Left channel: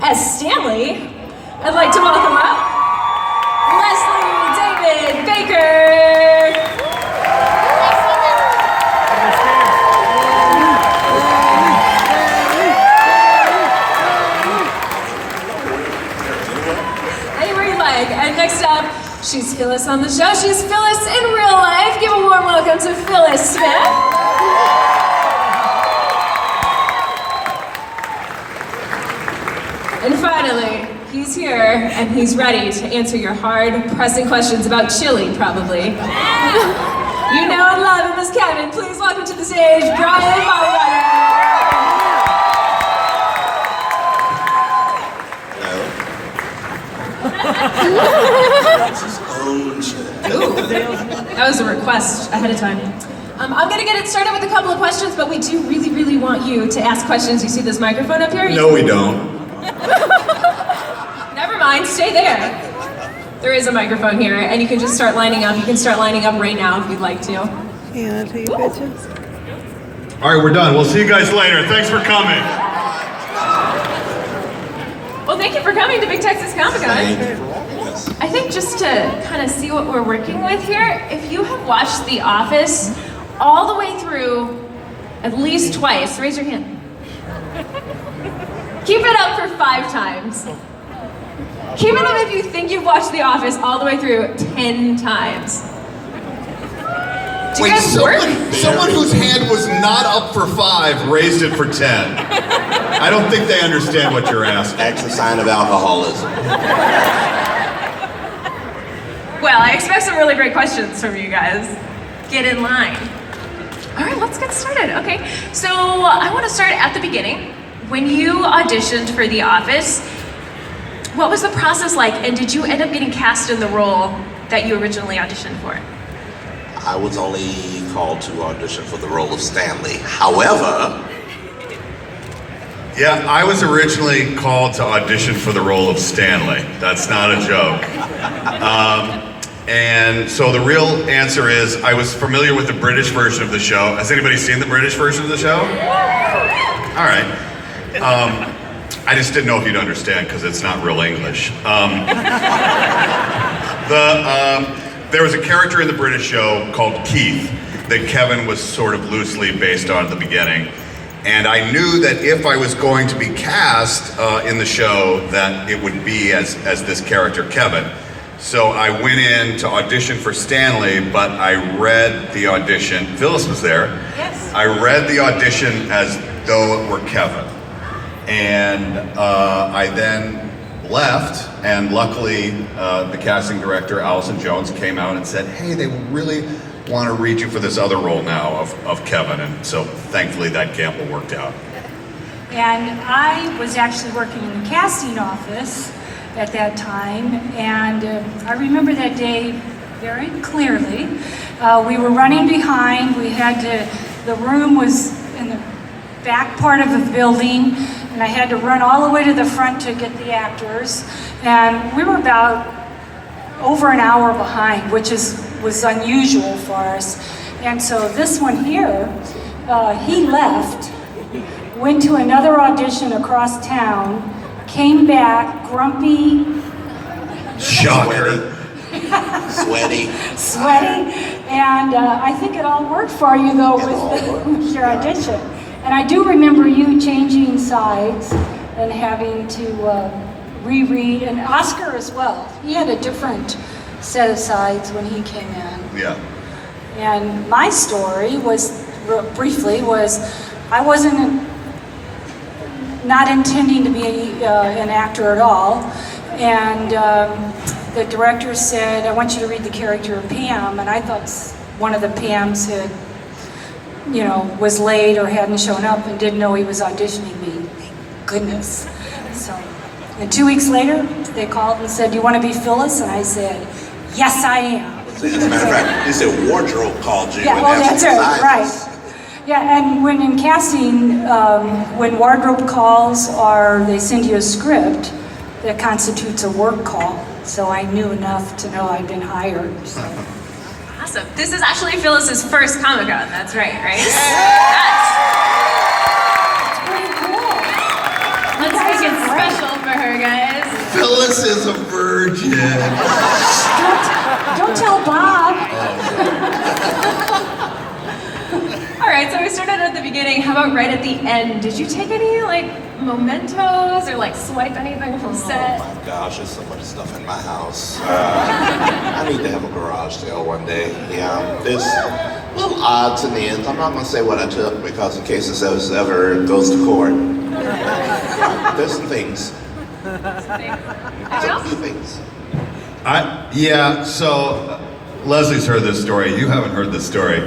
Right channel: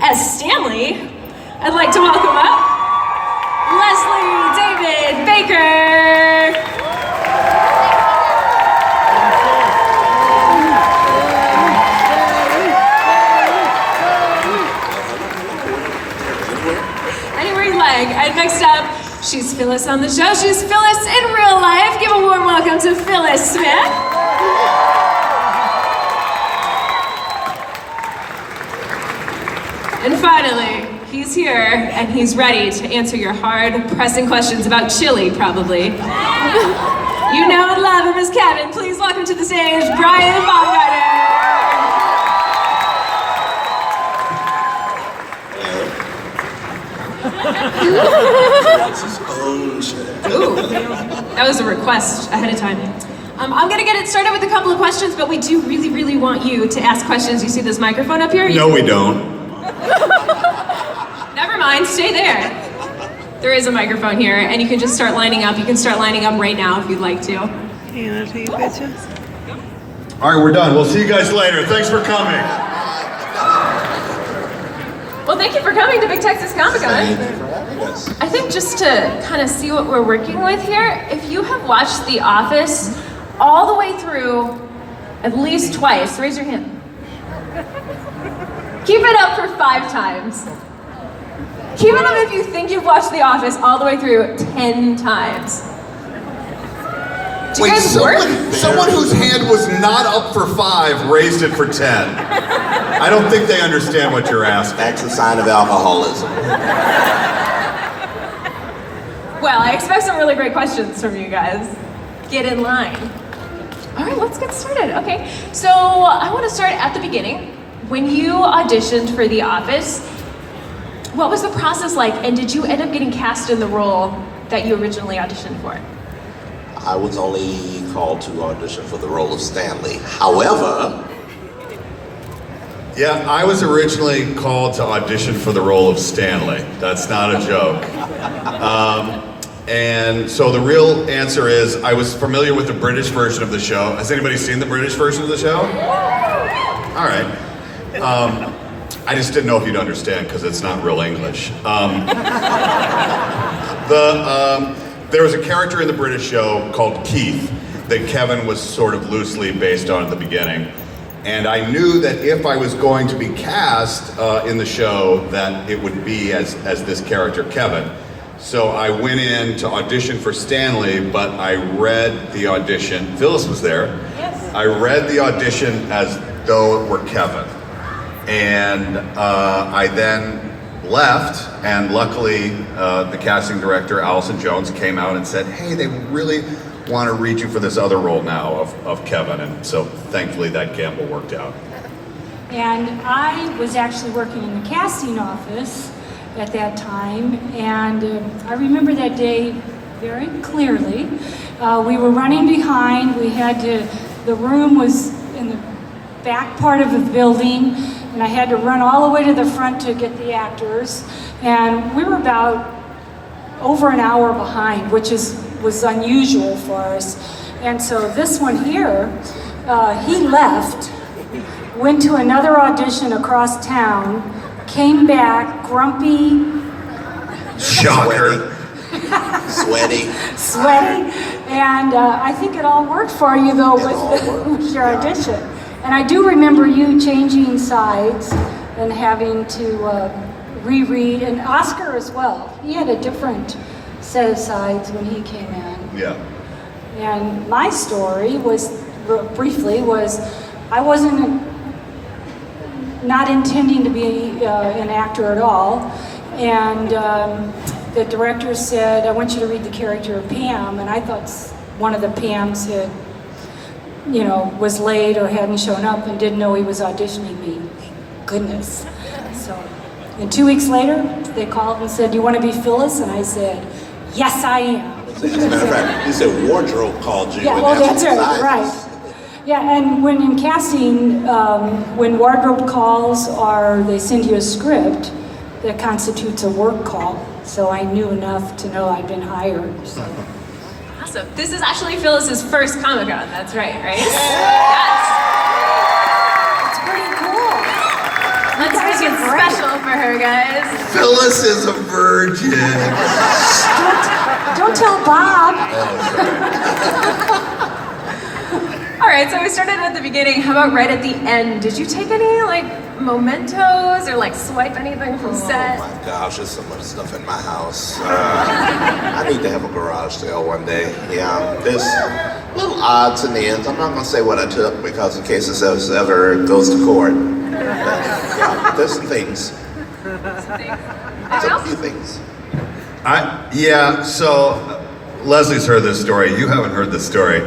as Stanley, I'd like to welcome up Leslie David Baker. Anywhere you like. And next up, she's Phyllis on the show. She's Phyllis in real life. Give a warm welcome to Phyllis Smith. And finally, he's here and he's ready to answer your hard, pressing questions about chili, probably. You know and love him as Kevin. Please welcome to the stage, Brian Baumgartner. Ooh, that was a request ahead of time. I'm gonna get it started with a couple of questions, but we do really, really want you to ask questions. You see this microphone up here? No, we don't. Never mind, stay there. There is a microphone here, and you can just start lining up. You can start lining up right now if you'd like to. All right, we're done. We'll see you guys later. Thanks for coming. Well, thank you for coming to Big Texas Comic Con. I think just to kind of see what we're working with here, if you have watched The Office all the way through at least twice, raise your hand. Keep it up for 5 times. Keep it up if you think you've watched The Office all the way through 10 times. Do you guys work? Someone whose hand was not up for 5 raised it for 10. I don't think they understand what you're asking. That's a sign of alcoholism. Well, I expect some really great questions from you guys. Get in line. All right, let's get started. Okay, so I want to start at the beginning. When you auditioned for The Office, what was the process like, and did you end up getting cast in the role that you originally auditioned for? I was only called to audition for the role of Stanley. However... Yeah, I was originally called to audition for the role of Stanley. That's not a joke. And so the real answer is, I was familiar with the British version of the show. Has anybody seen the British version of the show? All right. I just didn't know if you'd understand because it's not real English. There was a character in the British show called Keith that Kevin was sort of loosely based on at the beginning. And I knew that if I was going to be cast in the show, that it would be as this character, Kevin. So I went in to audition for Stanley, but I read the audition. Phyllis was there. Yes. I read the audition as though it were Kevin. And I then left, and luckily the casting director, Allison Jones, came out and said, hey, they really want to read you for this other role now of Kevin. And so thankfully that gamble worked out. And I was actually working in the casting office at that time, and I remember that day very clearly. We were running behind. The room was in the back part of the building, and I had to run all the way to the front to get the actors. And we were about over an hour behind, which was unusual for us. And so this one here, he left, went to another audition across town, came back grumpy, Shocker. Sweaty. and I think it all worked for you though with your audition. And I do remember you changing sides and having to reread, and Oscar as well. He had a different set of sides when he came in. Yeah. And my story was, briefly, I wasn't not intending to be an actor at all. And the director said, I want you to read the character of Pam. And I thought one of the Pams had, was late or hadn't shown up and didn't know he was auditioning me. Thank goodness. So, and 2 weeks later, they called and said, do you want to be Phyllis? And I said, yes, I am. As a matter of fact, he said wardrobe called you. Yeah, well, that's it, right. Yeah, and when in casting, when wardrobe calls or they send you a script, that constitutes a work call. So I knew enough to know I'd been hired. So. Awesome. This is actually Phyllis's first Comic-Con, that's right? Yes. It's pretty cool. Let's make it special for her, guys. Phyllis is a virgin. Don't tell Bob. All right, so we started at the beginning. How about right at the end? Did you take any like mementos or like swipe anything from set? Oh my gosh, there's so much stuff in my house. I need to have a garage sale one day. Yeah, there's little odds and ends. I'm not going to say what I took because in case this ever goes to court. Yeah, there's some things. A few things. So Leslie's heard this story. You haven't heard this story.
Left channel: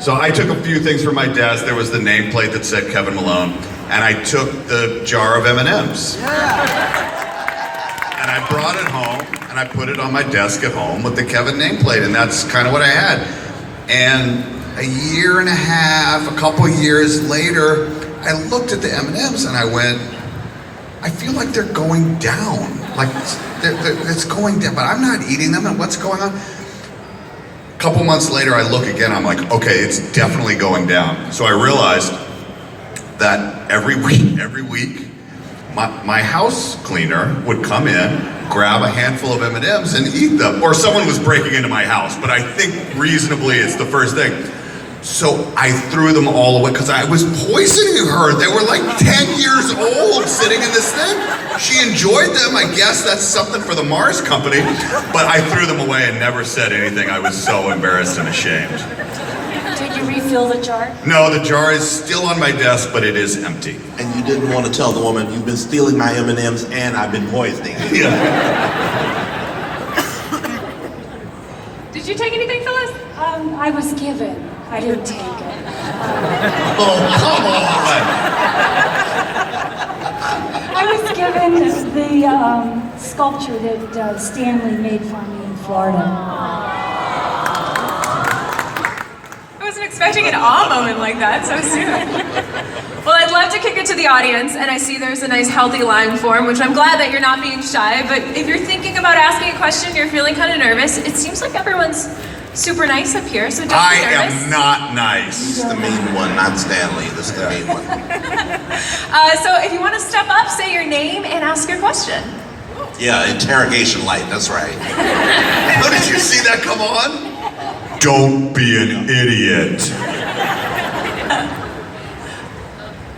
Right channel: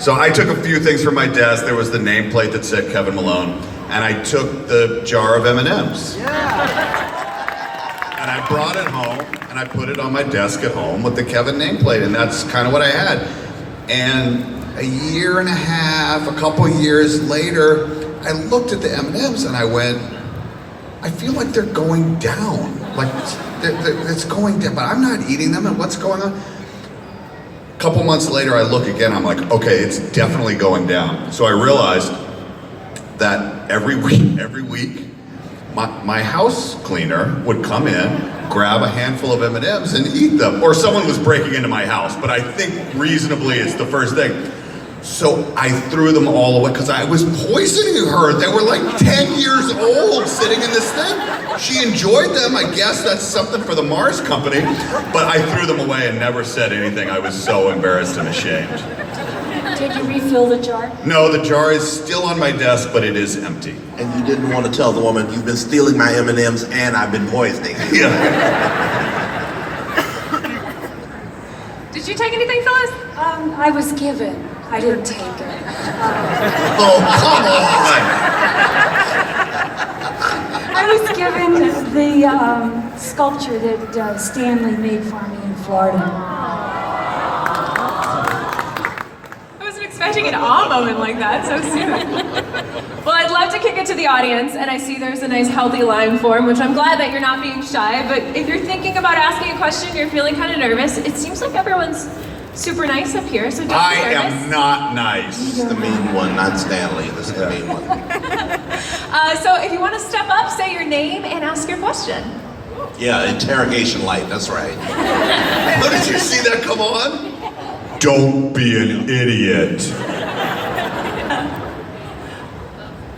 So I took a few things from my desk. There was the nameplate that said Kevin Malone, and I took the jar of M&Ms. And I brought it home, and I put it on my desk at home with the Kevin nameplate, and that's kind of what I had. And a year and a half, a couple years later, I looked at the M&Ms and I went, I feel like they're going down. Like, it's going down, but I'm not eating them, and what's going on? A couple months later, I look again, I'm like, okay, it's definitely going down. So I realized that every week, my house cleaner would come in, grab a handful of M&Ms and eat them. Or someone was breaking into my house, but I think reasonably it's the first thing. So I threw them all away because I was poisoning her. They were like 10 years old sitting in this thing. She enjoyed them. I guess that's something for the Mars company. But I threw them away and never said anything. I was so embarrassed and ashamed. Did you refill the jar? No, the jar is still on my desk, but it is empty. And you didn't want to tell the woman, you've been stealing my M&Ms and I've been poisoning you. Yeah. Did you take anything, Phyllis? I was given. I didn't take it. Oh, come on! I was given the sculpture that Stanley made for me in Florida. I wasn't expecting an awe moment like that so soon. Well, I'd love to kick it to the audience, and I see there's a nice healthy line form, which I'm glad that you're not being shy, but if you're thinking about asking a question, you're feeling kind of nervous, it seems like everyone's super nice up here, so don't be I nervous. am not nice. This is the mean one, not Stanley. This is the mean one. So if you want to step up, say your name and ask your question. Yeah, interrogation light, that's right. Oh, did you see that come on? Don't be an idiot.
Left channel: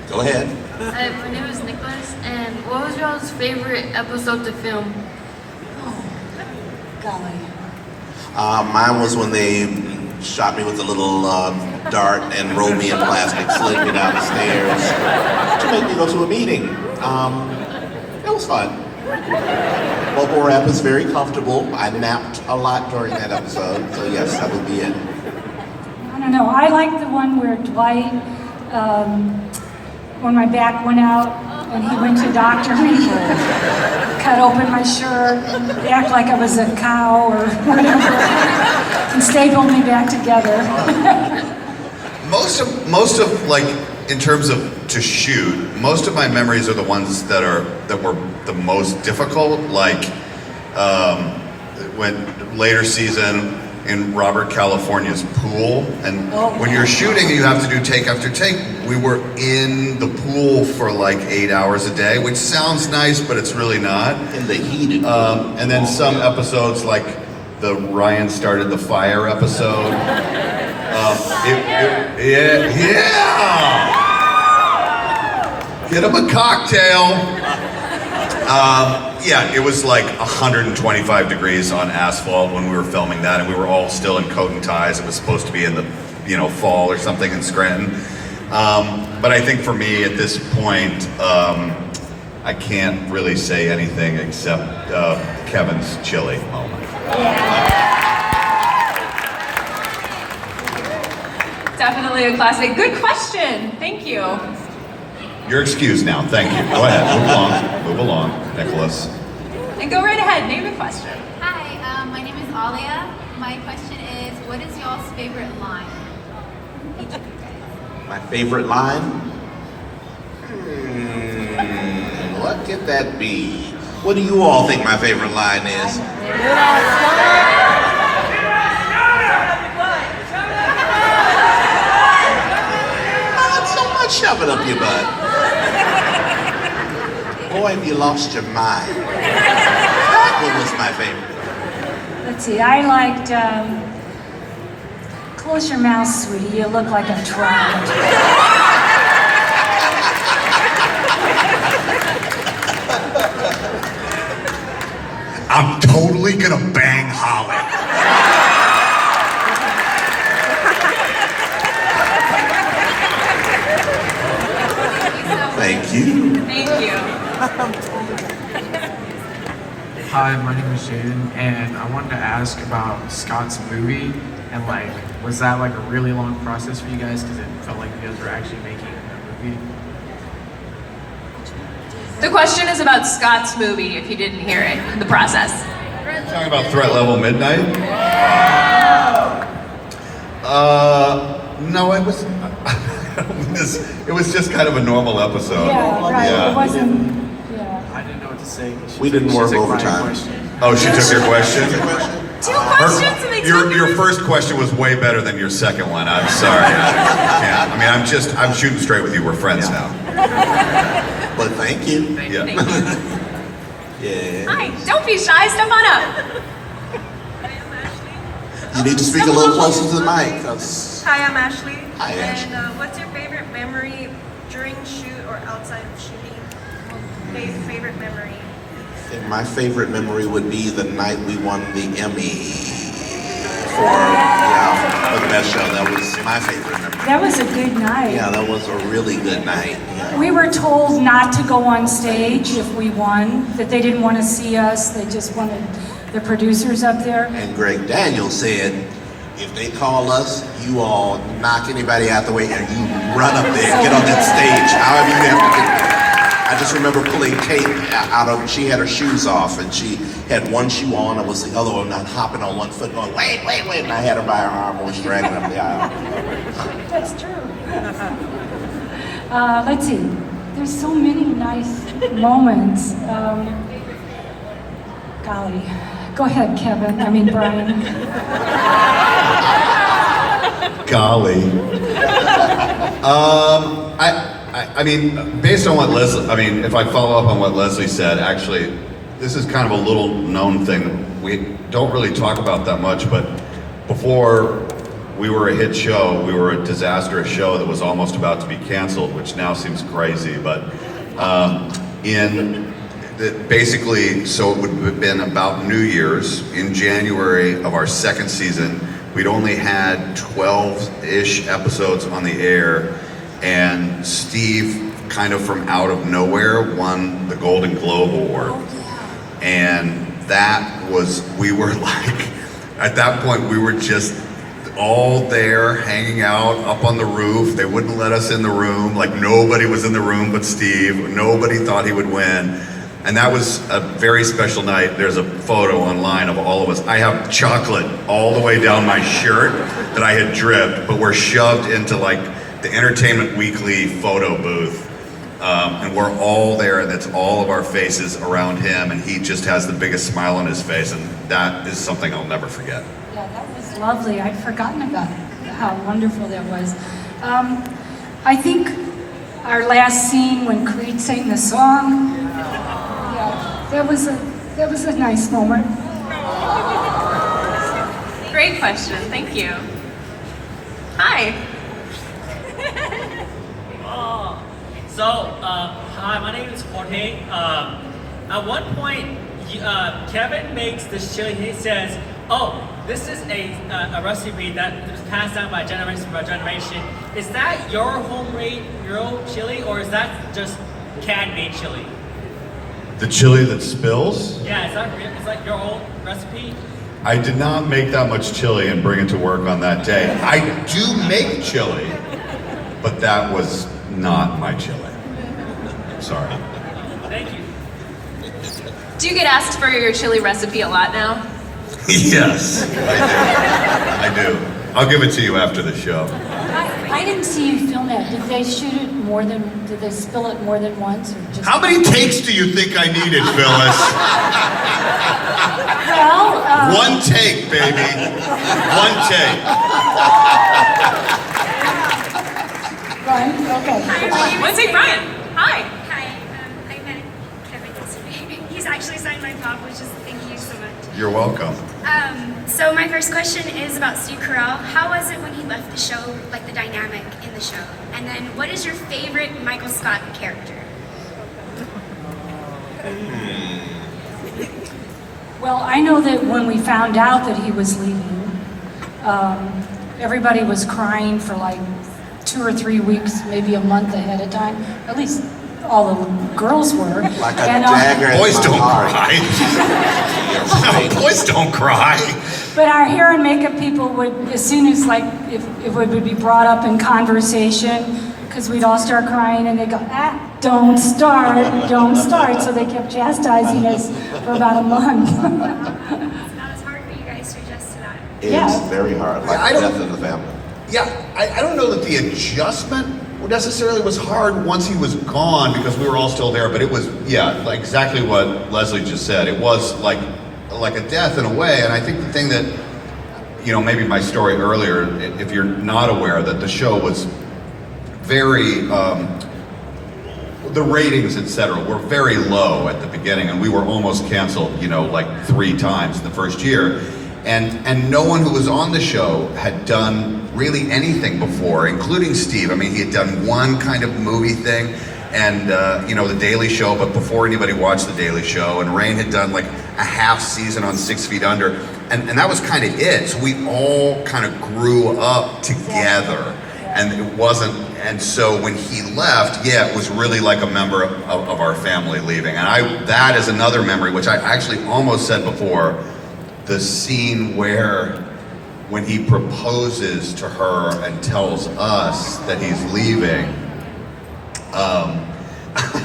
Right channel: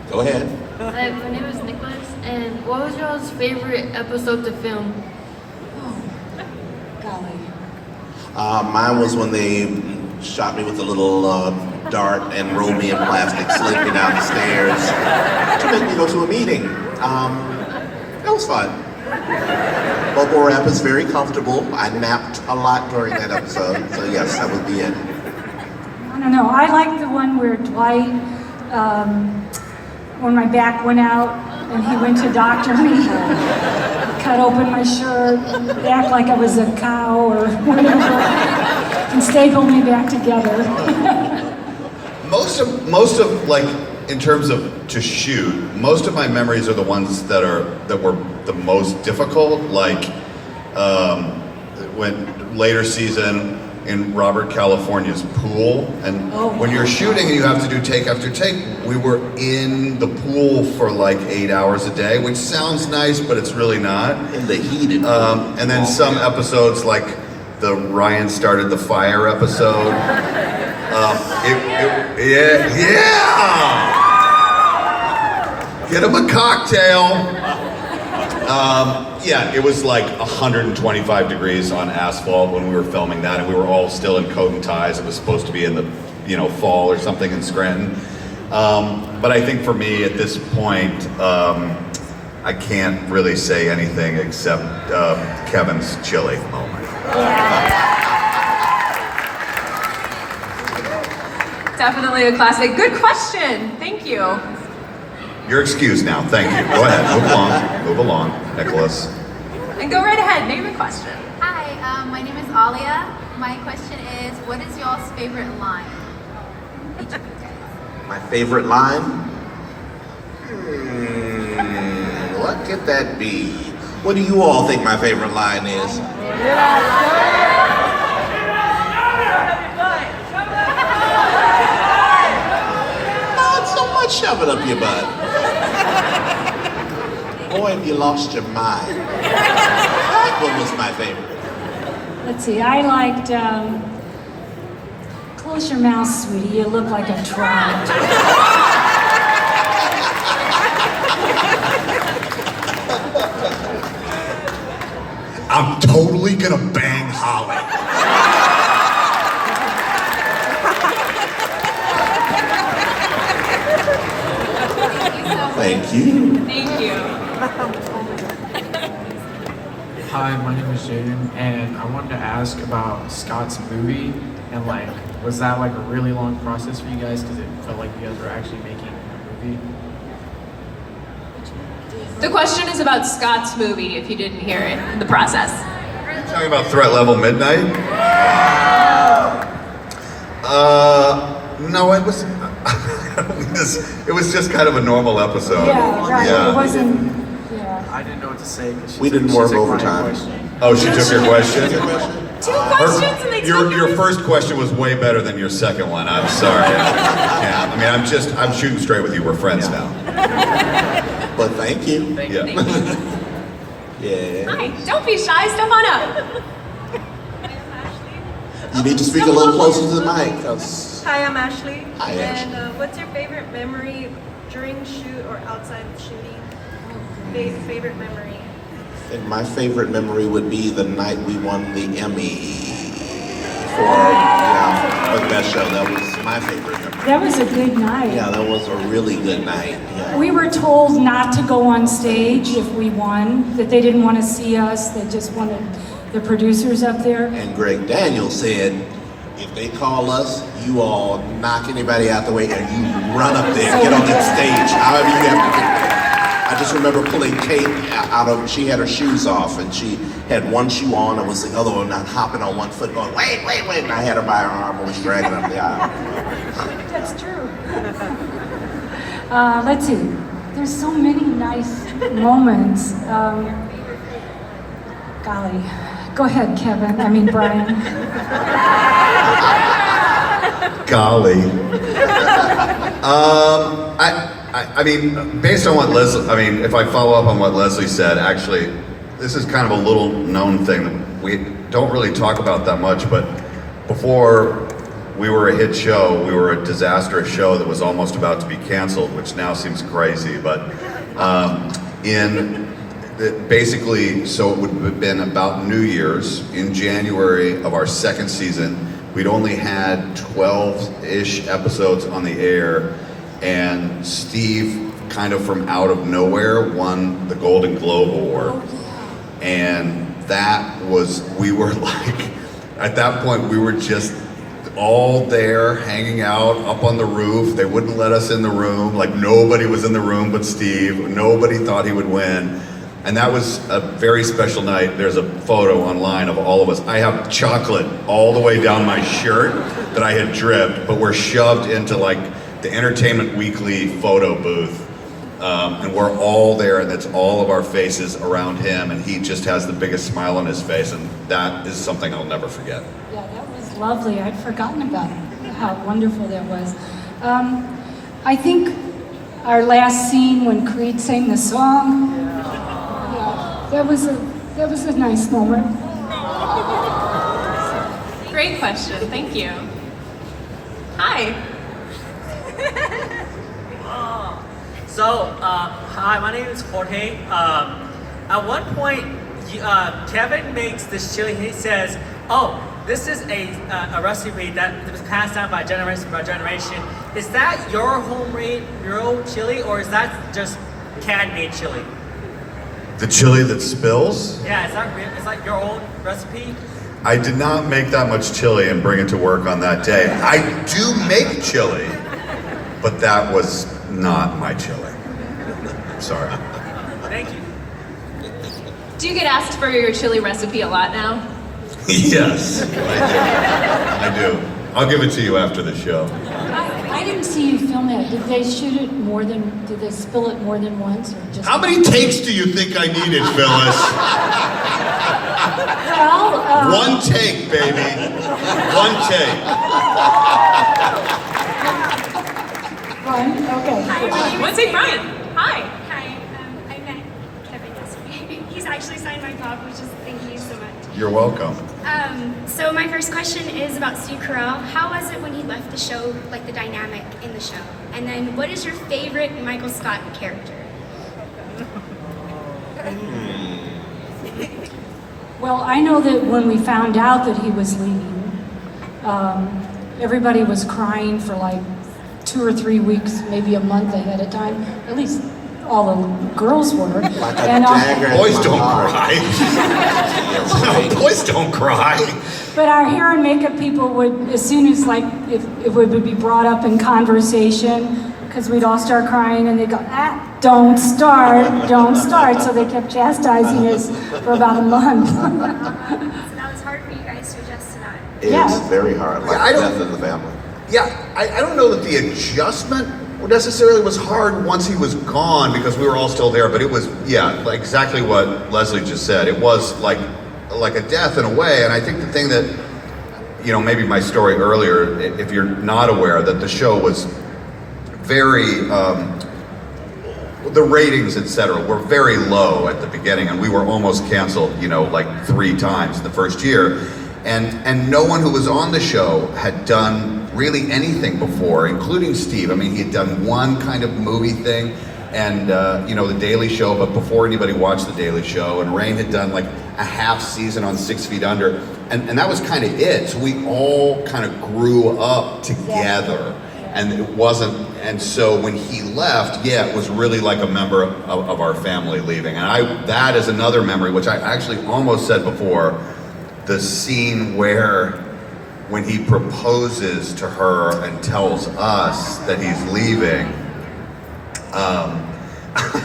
Go ahead. Hi, my name is Nicholas, and what was y'all's favorite episode to film? Golly. Mine was when they shot me with a little dart and rolled me in plastic, slid me down the stairs to make me go to a meeting. It was fun. Bubble wrap is very comfortable. I napped a lot during that episode, so yes, that would be it. I don't know. I like the one where Dwight, when my back went out, and he went to doctor me, cut open my shirt, act like I was a cow or whatever, and stapled me back together. Most of like, in terms of to shoot, most of my memories are the ones that were the most difficult. Like when later season in Robert California's pool, and when you're shooting and you have to do take after take, we were in the pool for like 8 hours a day, which sounds nice, but it's really not. In the heated. And then some episodes, like the Ryan started the fire episode. Get him a cocktail. It was like 125 degrees on asphalt when we were filming that, and we were all still in coat and ties. It was supposed to be in the, fall or something in Scranton. But I think for me at this point, I can't really say anything except Kevin's chili moment. Definitely a classic. Good question. Thank you. You're excused now. Thank you. Go ahead. Move along, Nicholas. And go right ahead. Name your question. Hi, my name is Alia. My question is, what is y'all's favorite line? Each of you guys. My favorite line? What could that be? What do you all think my favorite line is? Not so much shove it up your butt. Boy, have you lost your mind. That one was my favorite. Let's see, I liked Close Your Mouth, Sweetie, you look like a trout. I'm totally gonna bang Holly. Thank you. Thank you. Hi, my name is Jaden, and I wanted to ask about Scott's movie, and like, was that like a really long process for you guys? Because it felt like you guys were actually making a movie. The question is about Scott's movie, if you didn't hear it, the process. Talking about Threat Level Midnight? No, it was. I don't mean this. It was just kind of a normal episode. Yeah, right, Yeah. it wasn't, yeah. I didn't know what to say. 'Cause We didn't she work took my overtime. question. Oh, she took your question? Two questions and they took Your yours? first question was way better than your second one. I'm sorry. I mean, I'm shooting straight with you. We're friends now. But thank you. Yeah. Thank you. Yeah. Hi, don't be shy, step on up. You need to speak a little closer to the mic. 'Cause Hi, I'm Ashley. Hi, Ashley. And what's your favorite memory during shoot or outside of shooting? Favorite memory? And my favorite memory would be the night we won the Emmy for the best show. That was my favorite memory. That was a good night. Yeah, that was a really good night. Yeah. We were told not to go on stage if we won, that they didn't want to see us, they just wanted the producers up there. And Greg Daniels said, if they call us, you all knock anybody out the way and you run up there, get on that stage, however you have to get there. I just remember pulling Kate out of, she had her shoes off and she had one shoe on, and was the other one not hopping on one foot going, wait, and I had her by her arm and was dragging up the aisle. That's true. Let's see, there's so many nice moments. Golly, go ahead, Kevin, Brian. Golly. I mean, based on what Leslie, if I follow up on what Leslie said, actually, this is kind of a little known thing. We don't really talk about that much, but before we were a hit show, we were a disastrous show that was almost about to be canceled, which now seems crazy, but basically, so it would have been about New Year's in January of our second season. We'd only had 12-ish episodes on the air, and Steve, kind of from out of nowhere, won the Golden Globe Award. And we were like, at that point, we were just all there, hanging out up on the roof. They wouldn't let us in the room. Like, nobody was in the room but Steve. Nobody thought he would win. And that was a very special night. There's a photo online of all of us. I have chocolate all the way down my shirt that I had dripped, but we're shoved into like the Entertainment Weekly photo booth. And we're all there, and it's all of our faces around him, and he just has the biggest smile on his face, and that is something I'll never forget. Yeah, that was lovely. I'd forgotten about how wonderful that was. I think our last scene when Creed sang the song, that was a nice moment. Great question, thank you. Hi. Hi, my name is Jorge. At one point, Kevin makes this chili. He says, "Oh, this is a recipe that was passed down by generation. Is that your homemade, your own chili, or is that just can-made chili?" The chili that spills? Yeah, is that your own recipe? I did not make that much chili and bring it to work on that day. I do make chili, but that was not my chili. Sorry. Thank you. Do you get asked for your chili recipe a lot now? Yes, I do. I'll give it to you after the show. I didn't see you film that. Did they did they spill it more than once, or just? How many takes do you think I needed, Phyllis? Well, One take, baby. One take. Brian, okay. Let's say Brian. Hi. Hi, I'm top, which is thank you so much. You're welcome. So my first question is about Steve Carell. How was it when he left the show, like the dynamic in the show? And then what is your favorite Michael Scott character? Well, I know that when we found out that he was leaving, everybody was crying for like 2 or 3 weeks, maybe a month ahead of time. At least all the girls were. Like a dagger in Boys my don't heart. cry. Boys don't cry. But our hair and makeup people would, as soon as like, if it would be brought up in conversation, because we'd all start crying and they'd go, don't start. So they kept chastising us for about a month. So that was hard for you guys to adjust to that. It's Yeah. very hard, like I don't- death in the family. Yeah, I don't know that the adjustment necessarily was hard once he was gone because we were all still there, but it was, yeah, like exactly what Leslie just said. It was like a death in a way, and I think the thing that, maybe my story earlier, if you're not aware, that the show was very, the ratings, etc., were very low at the beginning, and we were almost canceled, like 3 times in the first year. And no one who was on the show had done really anything before, including Steve. I mean, he had done one kind of movie thing, and The Daily Show, but before anybody watched The Daily Show. And Rain had done like a half season on 6 Feet Under, and that was kind of it. So we all kind of grew up together, and it wasn't. And so when he left, yeah, it was really like a member of our family leaving. And that is another memory, which I actually almost said before. The scene when he proposes to her and tells us that he's leaving.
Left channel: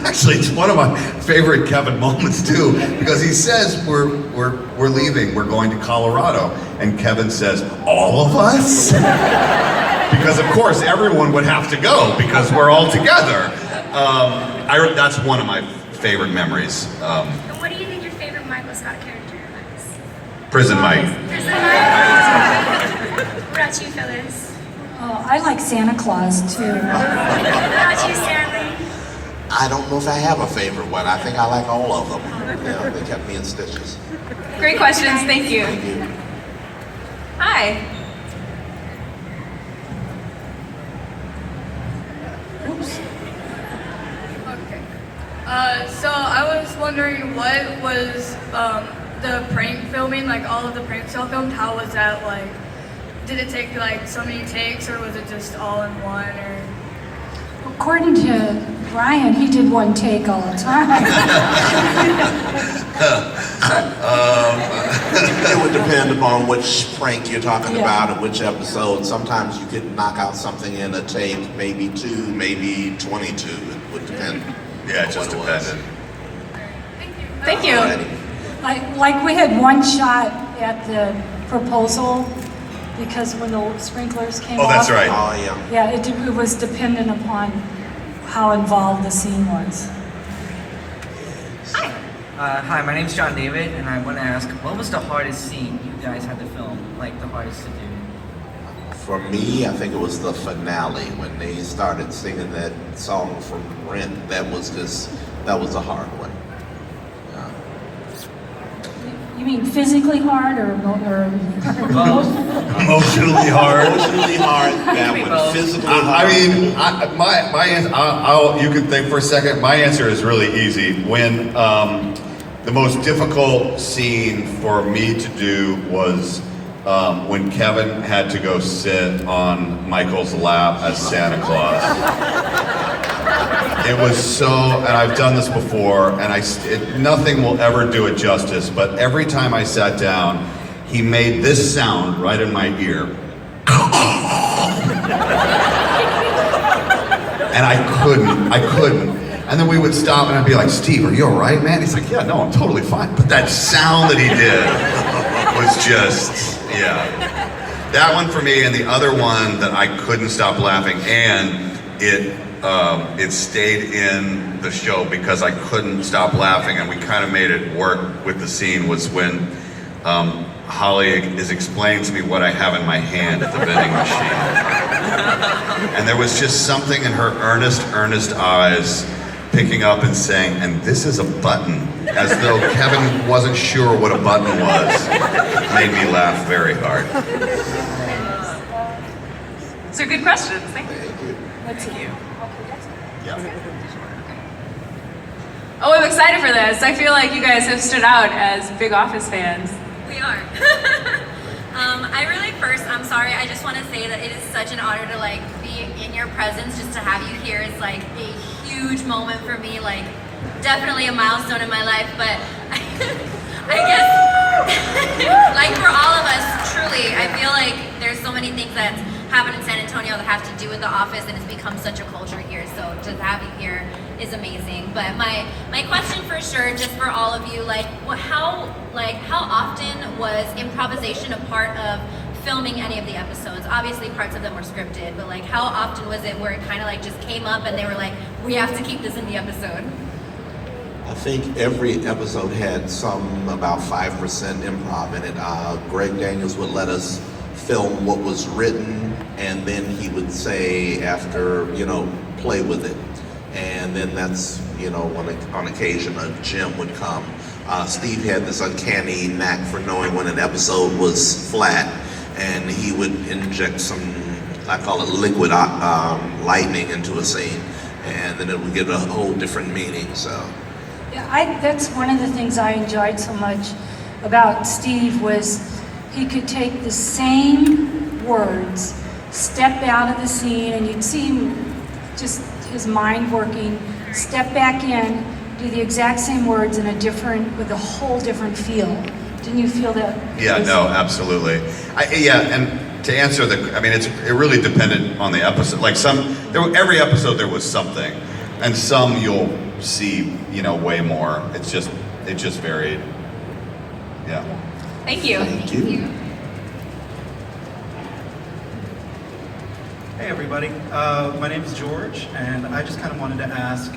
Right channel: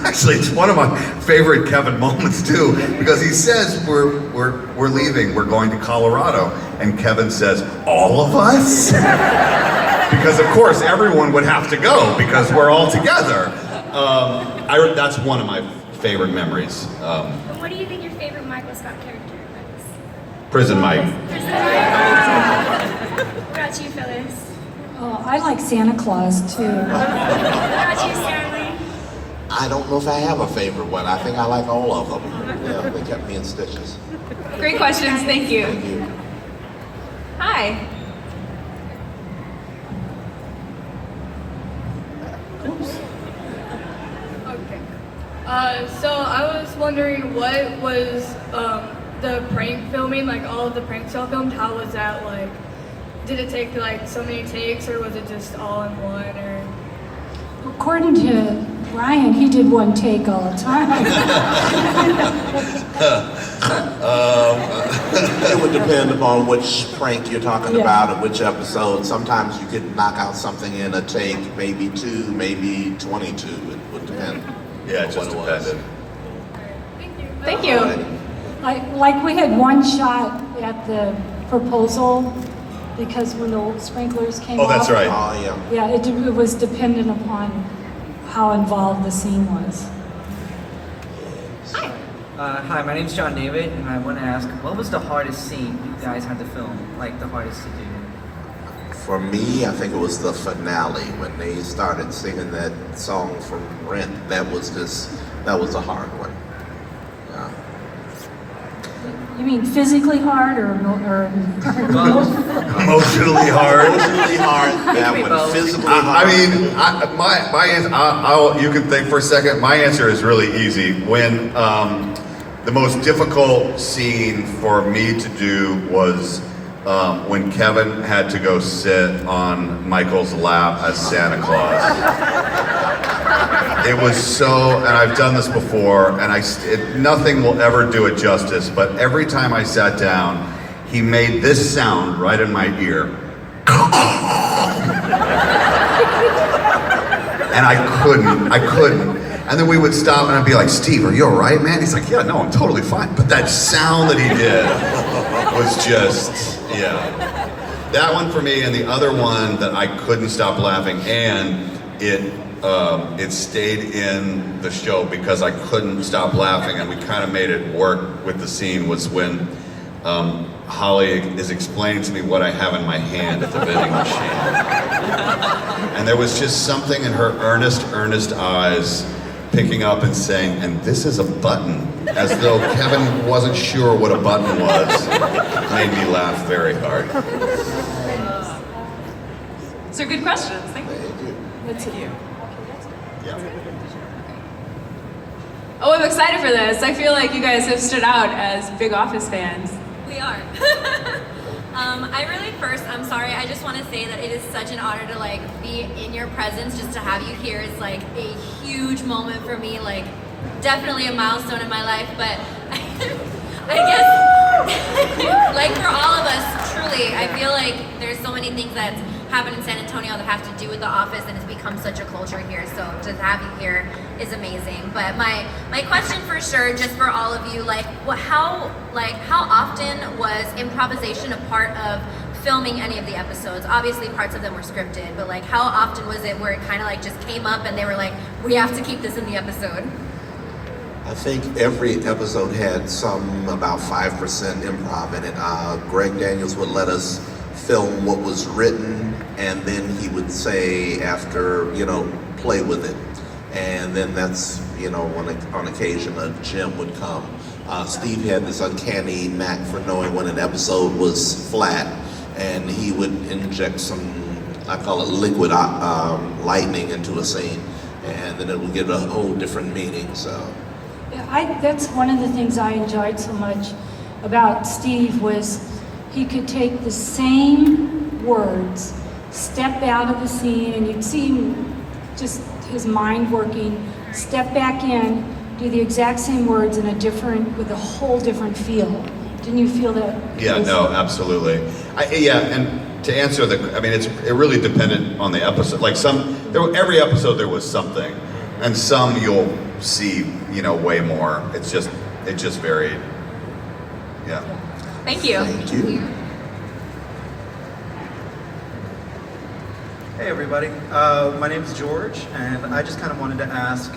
Actually, it's one of my favorite Kevin moments too, because he says we're leaving, we're going to Colorado, and Kevin says, "All of us?" Because of course everyone would have to go because we're all together. That's one of my favorite memories. And what do you think your favorite Michael Scott character is? Prison Mike. Prison Mike. What about you, Phyllis? Oh, I like Santa Claus too. What about you, Stanley? I don't know if I have a favorite one. I think I like all of them. Yeah, they kept me in stitches. Great questions, thank you. Thank you. Hi. Okay. So I was wondering what was the prank filming, like all of the pranks y'all filmed, how was that like? Did it take like so many takes or was it just all in one or? According to Ryan, he did one take all the time. It would depend upon which prank you're talking Yeah. about or which episode. Sometimes you could knock out something in a take, maybe 2, maybe 22. It would depend. Yeah, it just on what it was. depended. Thank you. Alrighty. Like we had one shot at the proposal because when the sprinklers came Oh, off. that's right. Oh, yeah. Yeah, it was dependent upon how involved the scene was. Hi, my name's John David, and I want to ask, what was the hardest scene you guys had to film? Like, the hardest to do? For me, I think it was the finale when they started singing that song from Rent. That was a hard one. Yeah. You mean physically hard or Emotionally hard. Emotionally hard, that one. Physically hard. I mean, my answer, you can think for a second. My answer is really easy. When the most difficult scene for me to do was when Kevin had to go sit on Michael's lap as Santa Claus. It was so, and I've done this before, and nothing will ever do it justice, but every time I sat down, he made this sound right in my ear. And I couldn't. And then we would stop and I'd be like, "Steve, are you all right, man?" He's like, "Yeah, no, I'm totally fine." But that sound that he did was just, yeah. That one for me, and the other one that I couldn't stop laughing, and it stayed in the show because I couldn't stop laughing, and we kind of made it work with the scene, was when Holly is explaining to me what I have in my hand at the vending machine. And there was just something in her earnest eyes picking up and saying, "And this is a button." as though Kevin wasn't sure what a button was, made me laugh very hard. These are good questions. Thank you. Let's see. Oh, I'm excited for this. I feel like you guys have stood out as big Office fans. We are. I'm sorry, I just want to say that it is such an honor to like be in your presence. Just to have you here is like a huge moment for me, like definitely a milestone in my life, but I guess like for all of us, truly, I feel like there's so many things that happen in San Antonio that have to do with the office, and it's become such a culture here, so to have you here is amazing. But my question for sure, just for all of you, how often was improvisation a part of filming any of the episodes? Obviously parts of them were scripted, but like how often was it where it kind of like just came up and they were like, we have to keep this in the episode? I think every episode had some about 5% improv in it. Greg Daniels would let us film what was written, and then he would say after, play with it. And then that's, on occasion a Jim would come. Steve had this uncanny knack for knowing when an episode was flat, and he would inject some, I call it liquid lightning into a scene, and then it would give a whole different meaning, so. Yeah, that's one of the things I enjoyed so much about Steve was he could take the same words, step out of the scene, and you'd see him, just his mind working, step back in, do the exact same words with a whole different feel. Didn't you feel that? Yeah, no, absolutely. And to answer it really depended on the episode. Like every episode there was something, and some you'll see, way more. It just varied. Yeah. Thank you. Thank you. Hey everybody, my name is George, and I just kind of wanted to ask,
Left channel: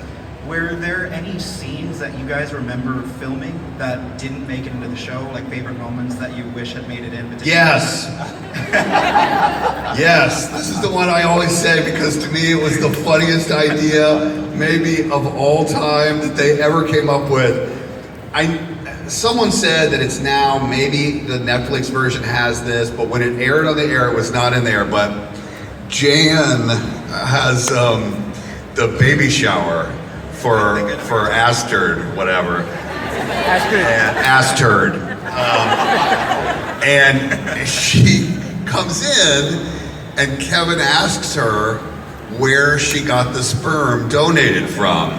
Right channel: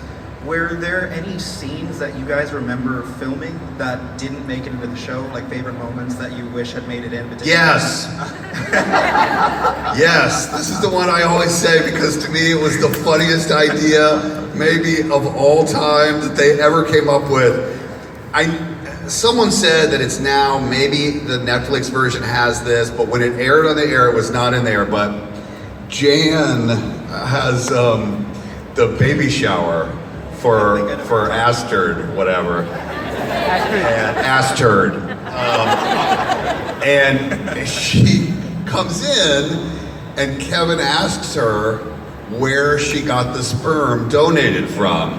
were there any scenes that you guys remember filming that didn't make it into the show, like favorite moments that you wish had made it in? But Yes. Yes, this is the one I always say because to me it was the funniest idea maybe of all time that they ever came up with. Someone said that it's now, maybe the Netflix version has this, but when it aired on the air it was not in there, but Jan has the baby shower for Asterd, whatever. Asterd. And she comes in and Kevin asks her where she got the sperm donated from.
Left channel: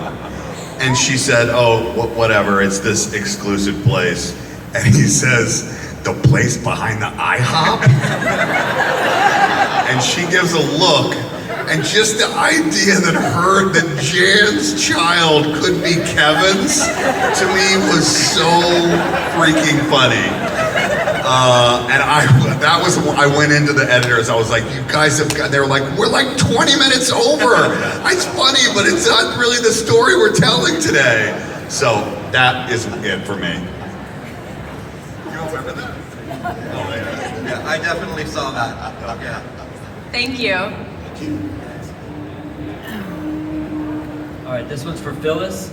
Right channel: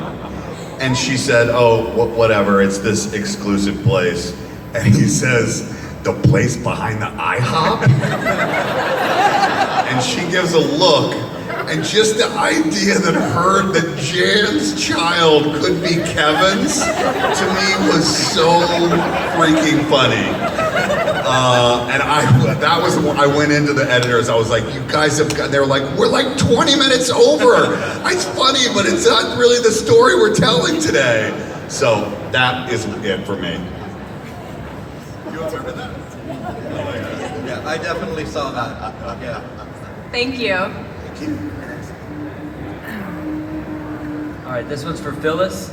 And she said, oh, whatever, it's this exclusive place. And he says, the place behind the IHOP? And she gives a look, and just the idea that Jan's child could be Kevin's, to me was so freaking funny. And I went into the editors, I was like, you guys have got, they're like, we're like 20 minutes over. It's funny, but it's not really the story we're telling today. So that is it for me. You all remember that? Oh, yeah, I definitely saw that. Yeah. Thank you. Thank you. All right, this one's for Phyllis.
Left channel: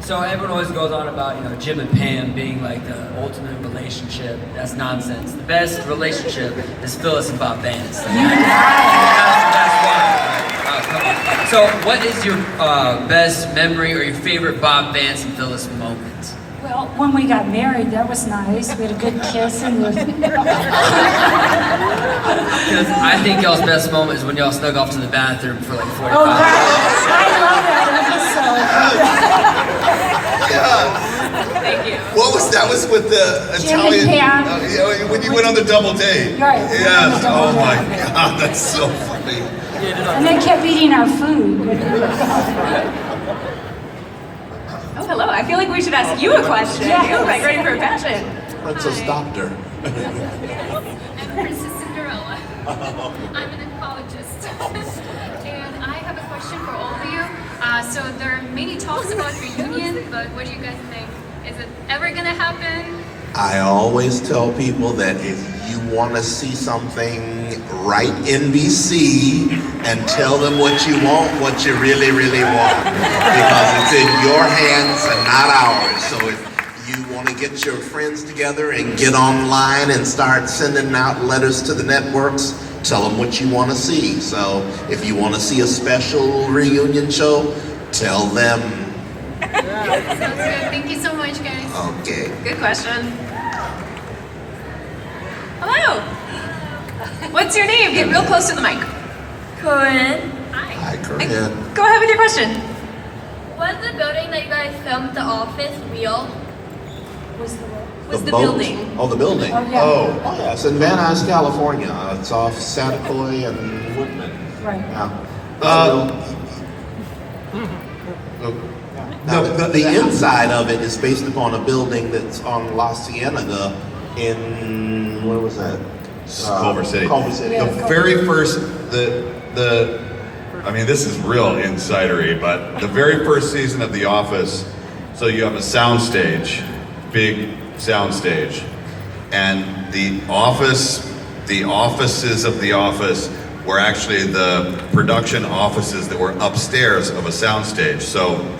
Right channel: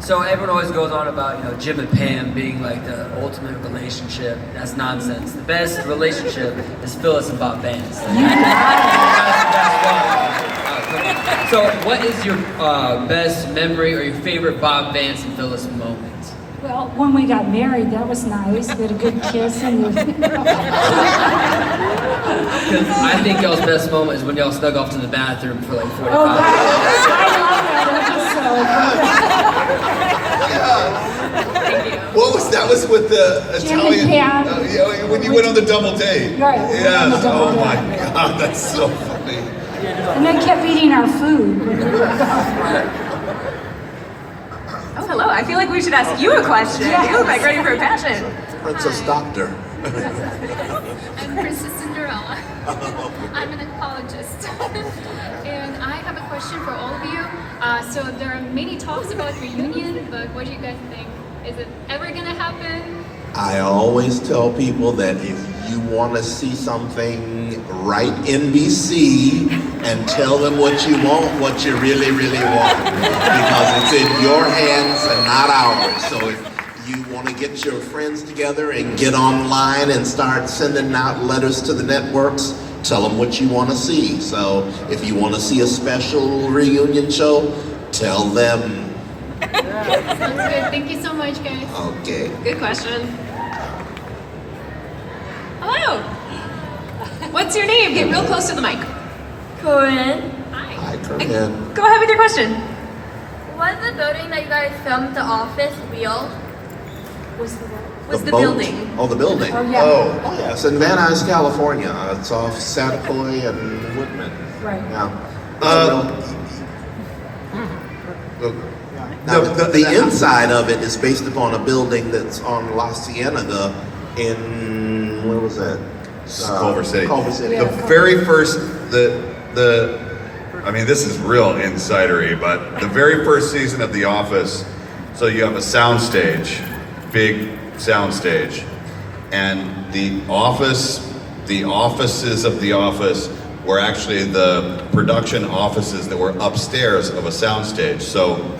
So everyone always goes on about, Jim and Pam being like the ultimate relationship. That's nonsense. The best relationship is Phyllis and Bob Vance. So what is your best memory or your favorite Bob Vance and Phyllis moment? Well, when we got married, that was nice. We had a good kiss and Because I think y'all's best moment is when y'all snug off to the bathroom for like 45 Oh, minutes. I love that episode. Thank you. What was that? Was with the Jim Italian? and Pam. Yeah, when you went on the double date. Right. Yes. Oh my God, that's so funny. And they kept eating our food. Oh, hello. I feel like we should ask you a question. Yeah. You look like ready for a passion. Princess Doctor. I'm Princess Cinderella. I'm an oncologist. And I have a question for all of you. So there are many talks about reunion, but what do you guys think? Is it ever gonna happen? I always tell people that if you want to see something, write NBC and tell them what you want, what you really, really want. Because it's in your hands and not ours. So if you want to get your friends together and get online and start sending out letters to the networks, tell them what you want to see. So if you want to see a special reunion show, tell them. Sounds good. Thank you so much, guys. Okay. Good question. Hello. What's your name? Get real close to the mic. Corinne. Hi, Corinne. Go ahead with your question. Was the building that you guys filmed The Office real? Was the boat. building? Oh, the building. Oh, yeah. Oh, yeah. It's in Van Nuys, California. It's off Satakoy and Whitman. Right. Yeah. Now, the inside of it is based upon a building that's on La Cienega in, where was that? Culver City. Culver City. The very first, I mean, this is real insidery, but the very first season of The Office, so you have a soundstage, big soundstage, and the offices of The Office were actually the production offices that were upstairs of a soundstage. So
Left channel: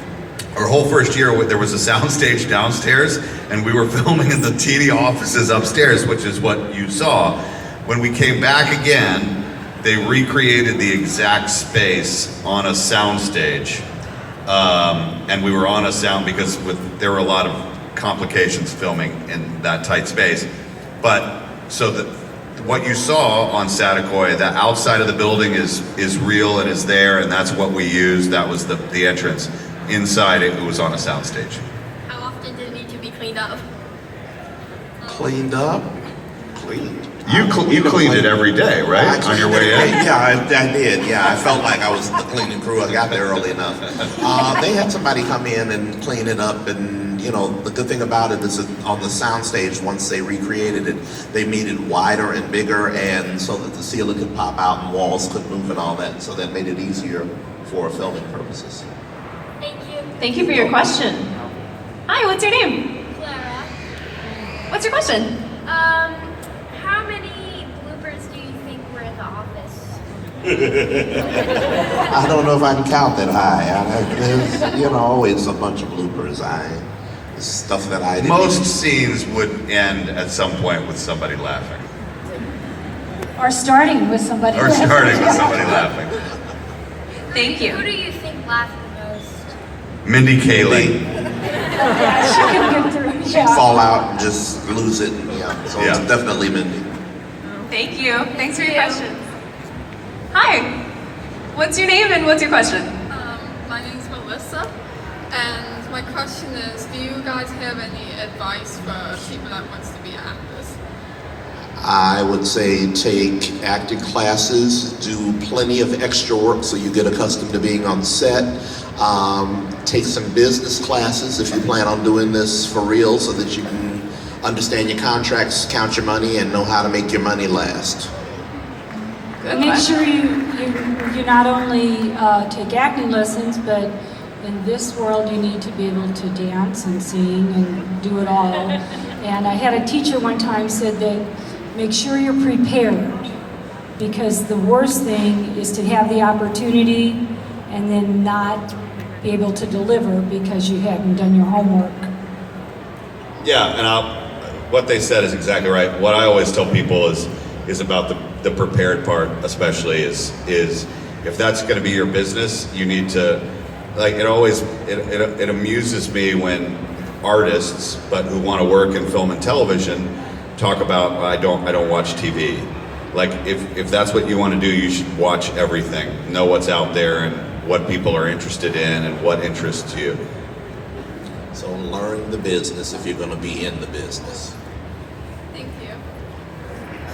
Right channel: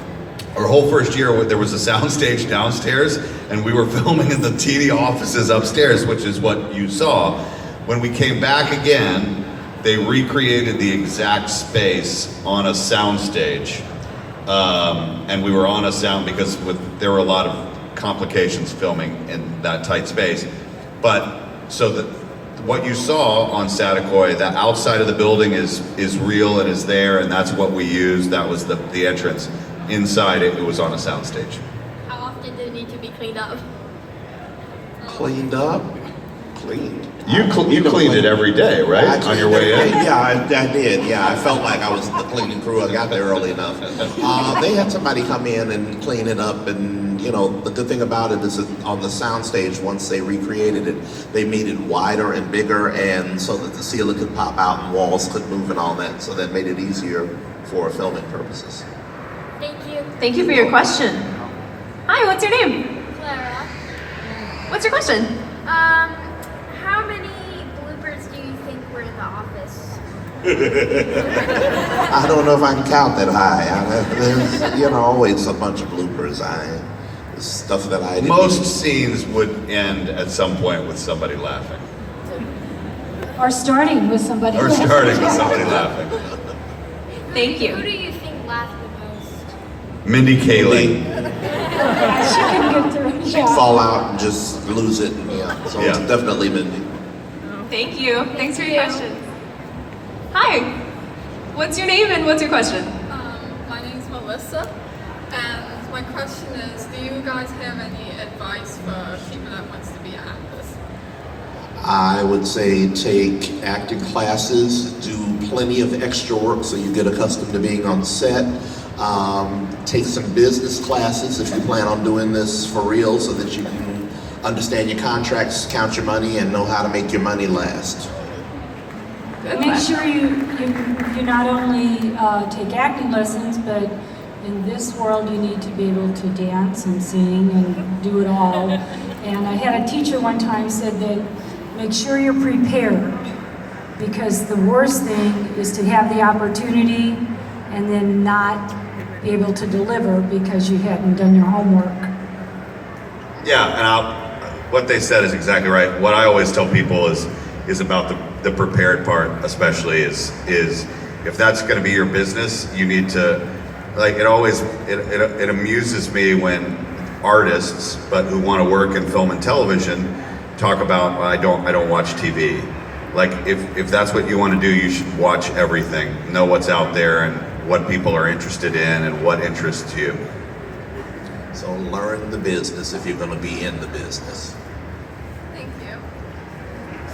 our whole first year, there was a soundstage downstairs, and we were filming in the teeny offices upstairs, which is what you saw. When we came back again, they recreated the exact space on a soundstage. And we were on a sound because there were a lot of complications filming in that tight space. But so what you saw on Satakoy, the outside of the building is real and is there, and that's what we used. That was the entrance. Inside it was on a soundstage. How often did it need to be cleaned up? Cleaned up? Cleaned. You cleaned it every day, right? On your way in? Yeah, I did. Yeah, I felt like I was the cleaning crew. I got there early enough. They had somebody come in and clean it up, and you know, the good thing about it is that on the soundstage, once they recreated it, they made it wider and bigger, and so that the ceiling could pop out and walls could move and all that. So that made it easier for filming purposes. Thank you. Thank you for your question. Hi, what's your name? Clara. What's your question? How many bloopers do you think were in The Office? I don't know if I can count that high. There's, always a bunch of bloopers. Stuff that I didn't. Most scenes would end at some point with somebody laughing. Or starting with somebody. Or starting with somebody laughing. Thank you. Who do you think laughed the most? Mindy Kaling. She couldn't get through. She'd fall out and just lose it. So it's definitely Mindy. Thank you. Thanks for your question. Hi. What's your name and what's your question? My name is Melissa, and my question is, do you guys have any advice for people that wants to be actors? I would say take acting classes, do plenty of extra work so you get accustomed to being on set. Take some business classes if you plan on doing this for real so that you can understand your contracts, count your money, and know how to make your money last. And make sure you not only take acting lessons, but in this world you need to be able to dance and sing and do it all. And I had a teacher one time said that make sure you're prepared, because the worst thing is to have the opportunity and then not be able to deliver because you hadn't done your homework. Yeah, and what they said is exactly right. What I always tell people is about the prepared part, especially is if that's going to be your business, you need to, it amuses me when artists, but who want to work in film and television, talk about, I don't watch TV. Like, if that's what you want to do, you should watch everything, know what's out there and what people are interested in and what interests you. So learn the business if you're going to be in the business. Thank you.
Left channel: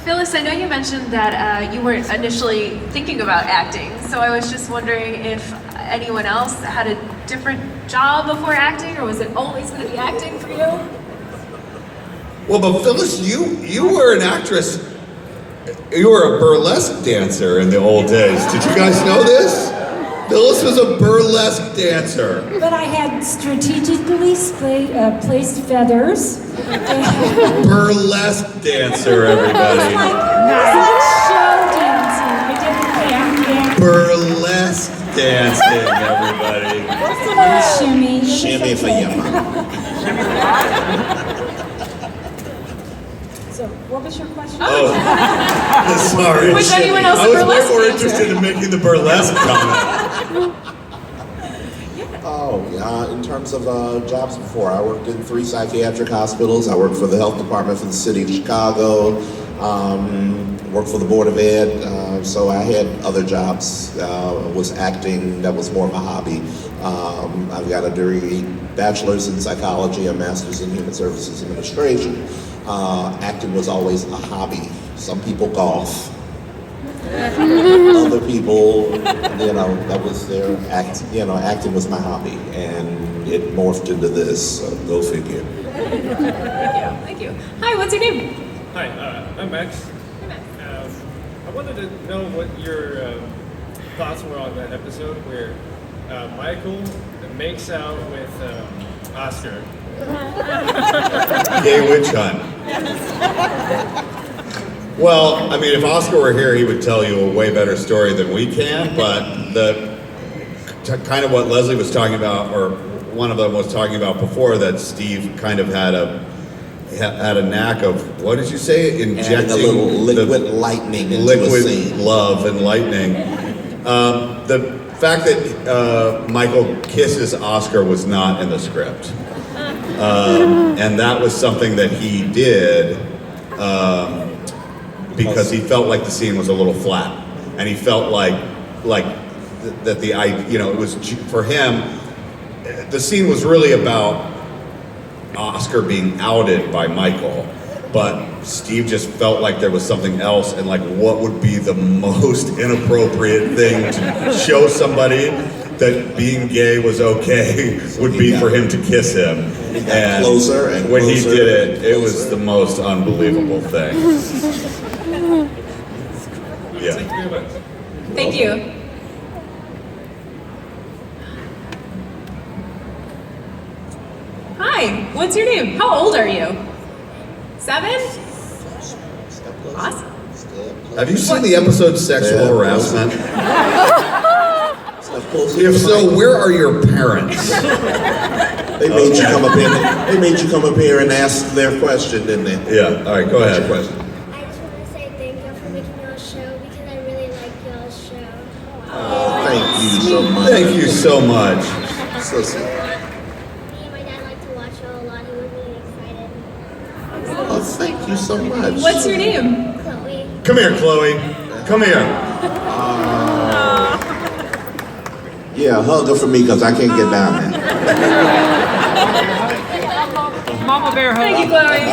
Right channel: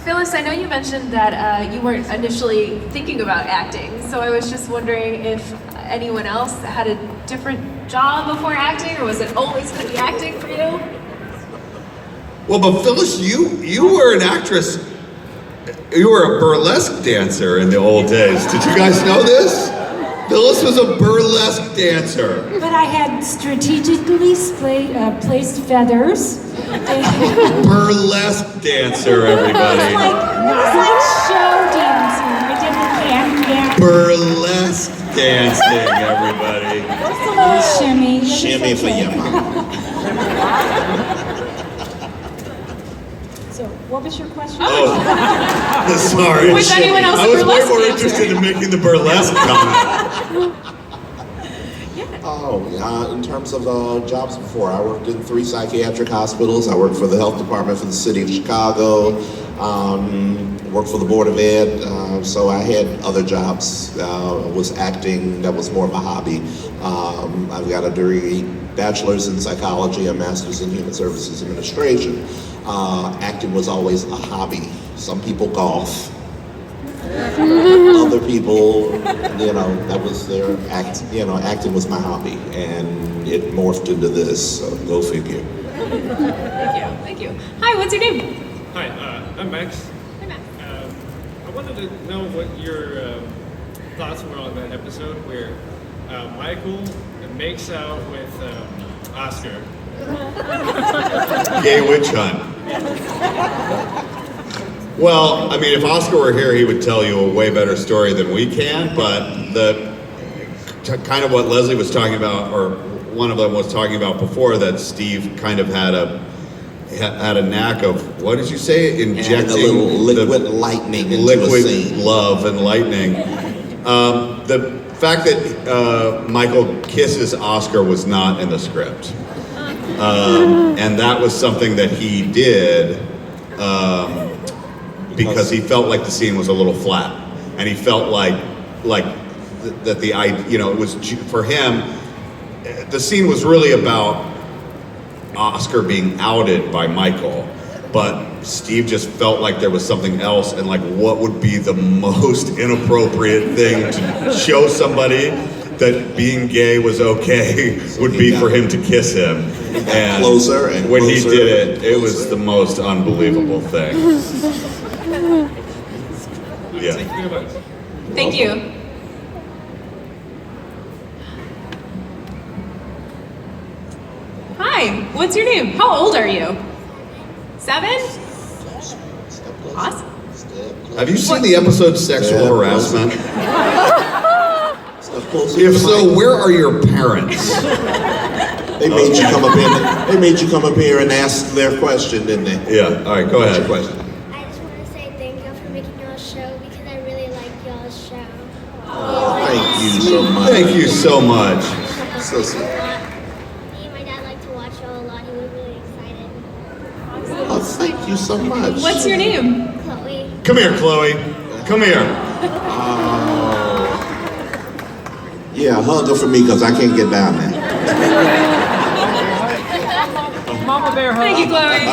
Phyllis, I know you mentioned that you weren't initially thinking about acting, so I was just wondering if anyone else had a different job before acting, or was it always going to be acting for you? Well, but Phyllis, you were an actress. You were a burlesque dancer in the old days. Did you guys know this? Phyllis was a burlesque dancer. But I had strategically placed feathers. Burlesque dancer, everybody. It was like show dancing. I did the can. Burlesque dancing, everybody. Shimmy. Shimmy for you. So, what was your question? Oh, sorry. Was anyone else I a was way burlesque more dancer? interested in making the burlesque comment. In terms of jobs before, I worked in 3 psychiatric hospitals. I worked for the health department for the city of Chicago. Worked for the Board of Ed. So I had other jobs. Was acting. That was more of a hobby. I've got a degree, bachelor's in psychology, a master's in human services administration. Acting was always a hobby. Some people golf. Other people, that was their act. Acting was my hobby, and it morphed into this. Go figure. Thank you. Hi, what's your name? Hi, I'm Max. Hi, Max. I wanted to know what your thoughts were on that episode where Michael makes out with Oscar. Gay witch hunt. Well, I mean, if Oscar were here, he would tell you a way better story than we can, but kind of what Leslie was talking about, or one of them was talking about before, that Steve kind of had a knack of, what did you say? Injecting a little liquid lightning into liquid a scene. love and lightning. The fact that Michael kisses Oscar was not in the script. And that was something that he did because he felt like the scene was a little flat, and he felt like that it was for him. The scene was really about Oscar being outed by Michael, but Steve just felt like there was something else, and like what would be the most inappropriate thing to show somebody that being gay was okay would be for him to kiss him. And closer and when he closer did it was the most unbelievable thing. Yeah. Thank you. Hi, what's your name? How old are you? 7? Awesome. Have you seen the episode Sexual Harassment? If so, where are your parents? They made you come up here. They made you come up here and ask their question, didn't they? Yeah. All right. Go ahead. Question. I just want to say thank y'all for making y'all's show because I really like y'all's show. Thank you so much. Thank you so much. So sweet. Me and my dad like to watch y'all a lot. He was really excited. Oh, thank you so much. What's your name? Chloe. Come here, Chloe. Come here. Yeah, hug her for me because I can't get down there. Mama bear hug. Thank you, Chloe.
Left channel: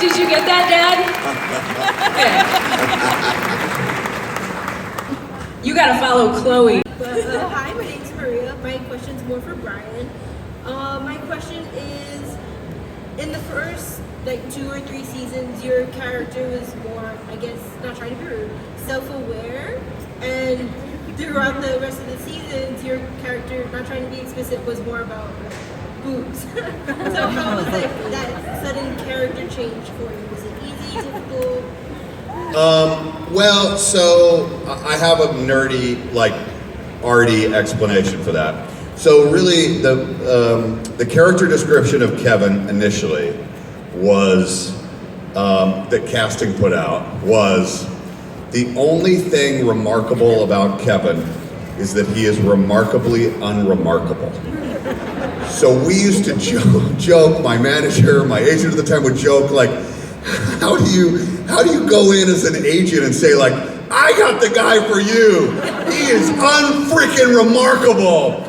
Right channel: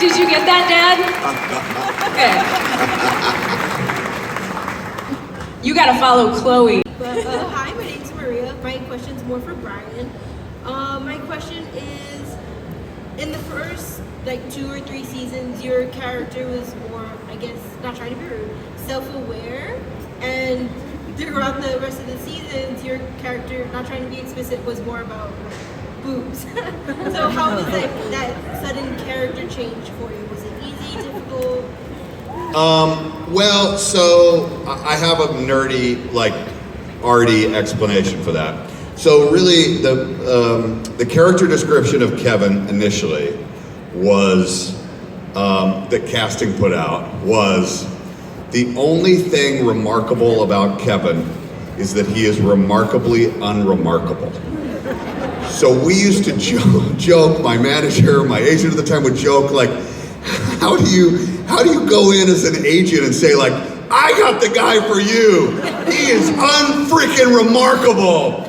Did you get that, Dad? You gotta follow Chloe. Hi, my name's Maria. My question's more for Brian. My question is, in the first 2 or 3 seasons, your character was more, I guess, not trying to be rude, self-aware, and throughout the rest of the seasons, your character, not trying to be explicit, was more about boobs. So how was that sudden character change for you? Was it easy, difficult? Well, so I have a nerdy, arty explanation for that. So really, the character description of Kevin initially was that casting put out was the only thing remarkable about Kevin is that he is remarkably unremarkable. So we used to joke, my manager, my agent at the time would joke, how do you go in as an agent and say, I got the guy for you. He is unfreaking remarkable.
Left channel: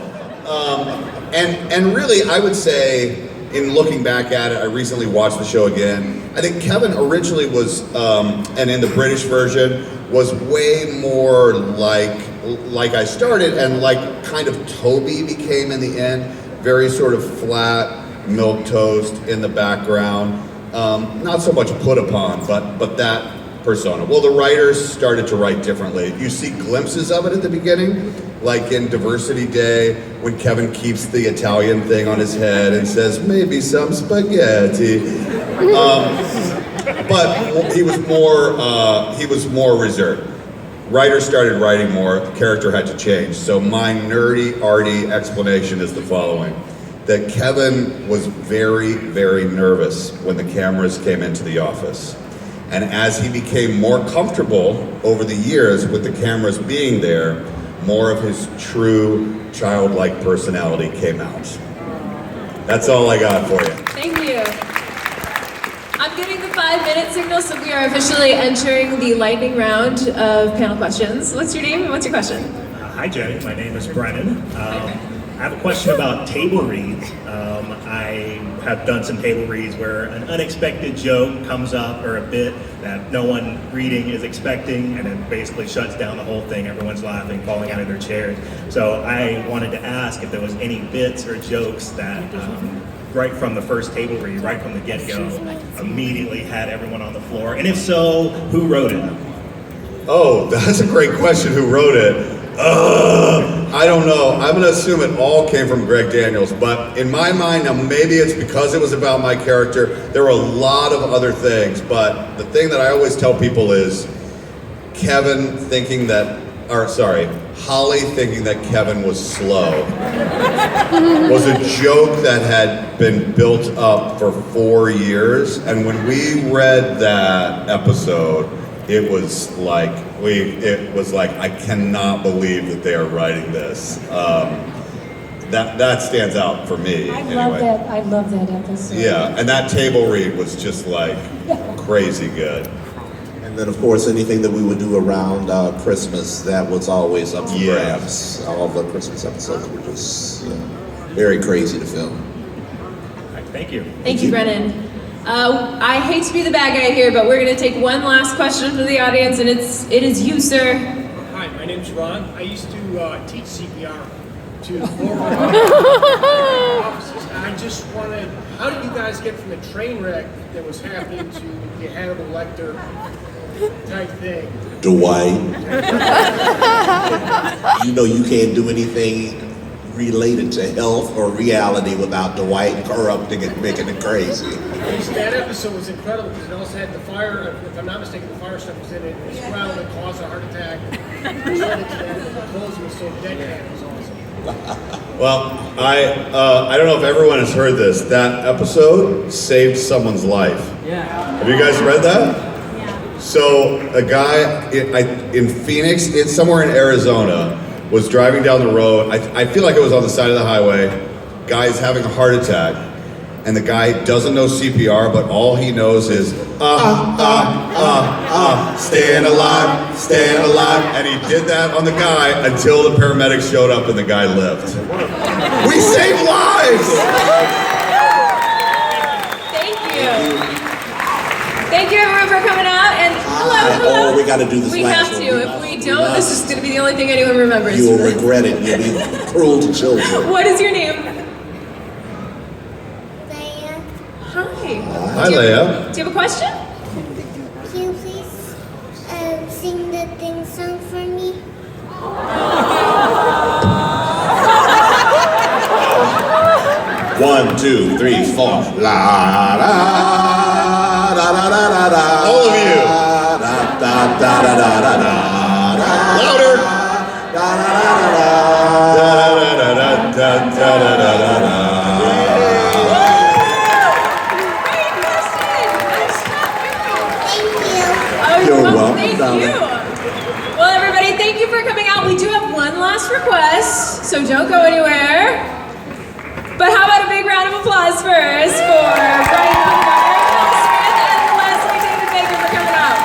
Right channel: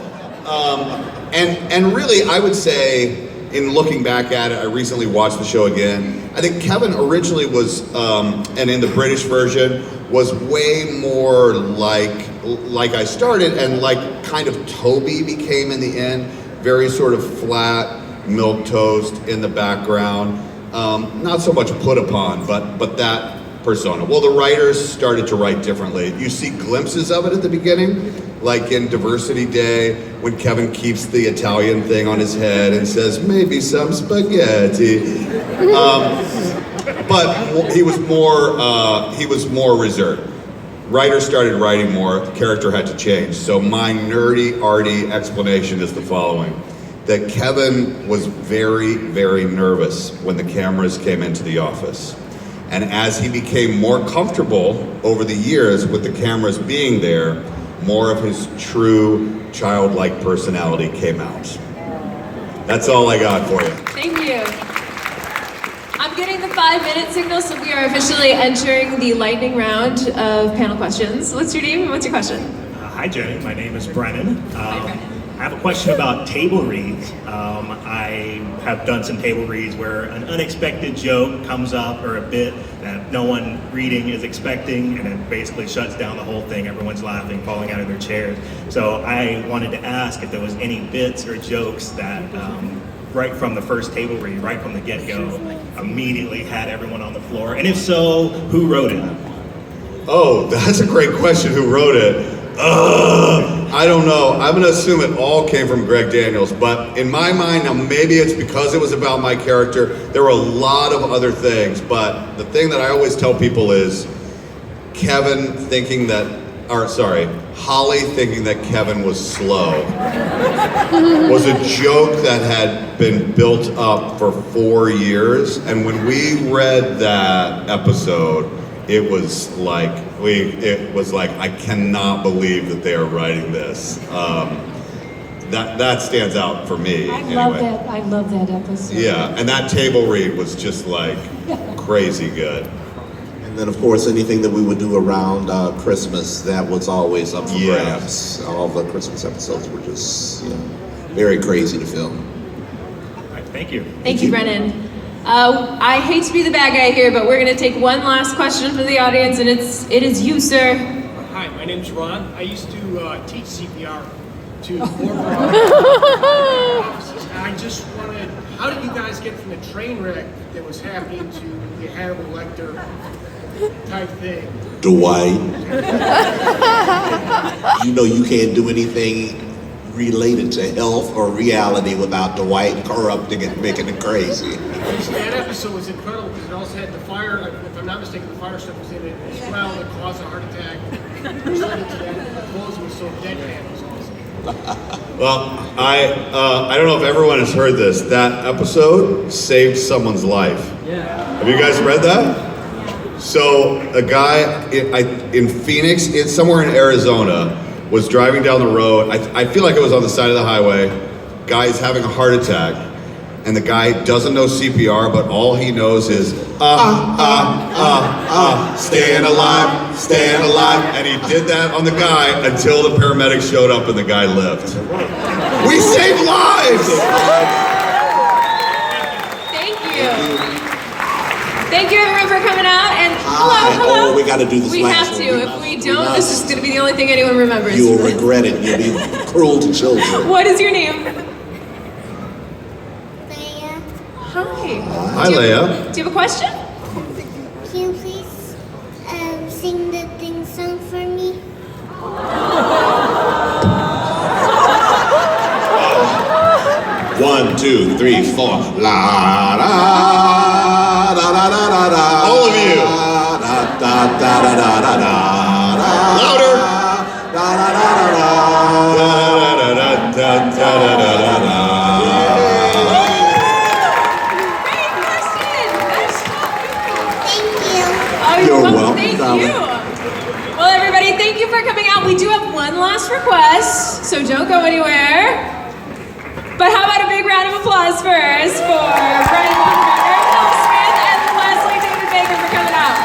And really, I would say, in looking back at it, I recently watched the show again. I think Kevin originally was, and in the British version, was way more like I started, and kind of Toby became in the end. Very sort of flat, milquetoast in the background. Not so much put upon, but that persona. Well, the writers started to write differently. You see glimpses of it at the beginning, like in Diversity Day, when Kevin keeps the Italian thing on his head and says, maybe some spaghetti. But he was more reserved. Writers started writing more, the character had to change. So my nerdy, arty explanation is the following. That Kevin was very, very nervous when the cameras came into the office. And as he became more comfortable over the years with the cameras being there, more of his true childlike personality came out. That's all I got for you. Thank you. I'm getting the 5-minute signal, so we are officially entering the lightning round of panel questions. What's your name and what's your question? Hi, Jenny. My name is Brennan. I have a question about table reads. I have done some table reads where an unexpected joke comes up or a bit that no one reading is expecting, and it basically shuts down the whole thing. Everyone's laughing, falling out of their chairs. So I wanted to ask if there was any bits or jokes that right from the first table read, right from the get-go, immediately had everyone on the floor. And if so, who wrote it? Oh, that's a great question. Who wrote it? I don't know. I'm going to assume it all came from Greg Daniels, but in my mind, now maybe it's because it was about my character. There were a lot of other things, but the thing that I always tell people is Holly thinking that Kevin was slow was a joke that had been built up for 4 years, and when we read that episode, it was like I cannot believe that they are writing this. That stands out for me. I love that episode. Yeah, and that table read was just like crazy good. And then, of course, anything that we would do around Christmas, that was always up for grabs. All the Christmas episodes were just very crazy to film. All right, thank you. Thank you, Brennan. I hate to be the bad guy here, but we're going to take one last question from the audience, and it is you, sir. Hi, my name's Ron. I used to teach CPR to former officers. I just wanted, how did you guys get from the train wreck that was happening to the Hannibal Lecter type thing? Dwight. You know you can't do anything related to health or reality without Dwight corrupting it, making it crazy. That episode was incredible because it also had the fire, if I'm not mistaken, the fire stuff was in it as well that caused a heart attack. Resulted to that, the clothes was so deadpan, it was awesome. Well, I don't know if everyone has heard this. That episode saved someone's life. Yeah. Have you guys read that? So a guy in Phoenix, somewhere in Arizona, was driving down the road. I feel like it was on the side of the highway. Guy is having a heart attack, and the guy doesn't know CPR, but all he knows is staying alive, staying alive. And he did that on the guy until the paramedics showed up and the guy lived. We save lives! Thank you. Thank you, everyone, for coming out. And hello. We got to do this We last have to. one. If we don't, this is going to be the only thing anyone remembers. You will regret it. You'll be cruel to children. What is your name? Leia, Hi. Hi, Leia. Do you have a question? can you please sing the theme song for me? 1, 2, 3, 4. La la da da da da da. All of you. Da da da da da da da. Louder. Da da da da da. Da da da da da da da. You're welcome, Thank darling. you. Well, everybody, thank you for coming out. We do have one last request, so don't go anywhere. But how about a big round of applause first for Brian Baumgartner, Phil Smith, and Leslie David Baker for coming out.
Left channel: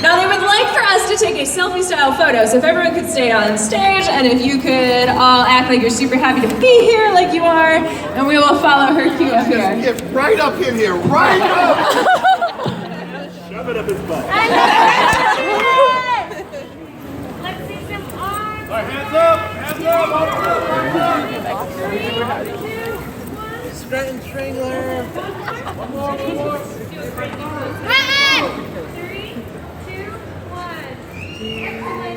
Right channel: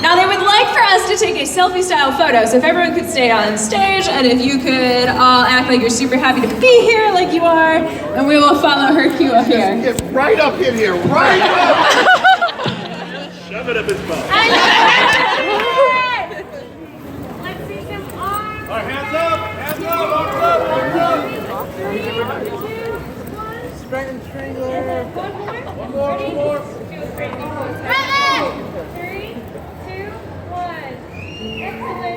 Now, they would like for us to take a selfie-style photo, so if everyone could stay on stage, and if you could all act like you're super happy to be here like you are, and we will follow her cue up here. Get right up in here, right up! Shove it up his butt. Let's see some arms. All right, hands up, arms up, arms up. 3, 2, 1. Stratton Strangler. One more. 3, 2, 1. Excellent.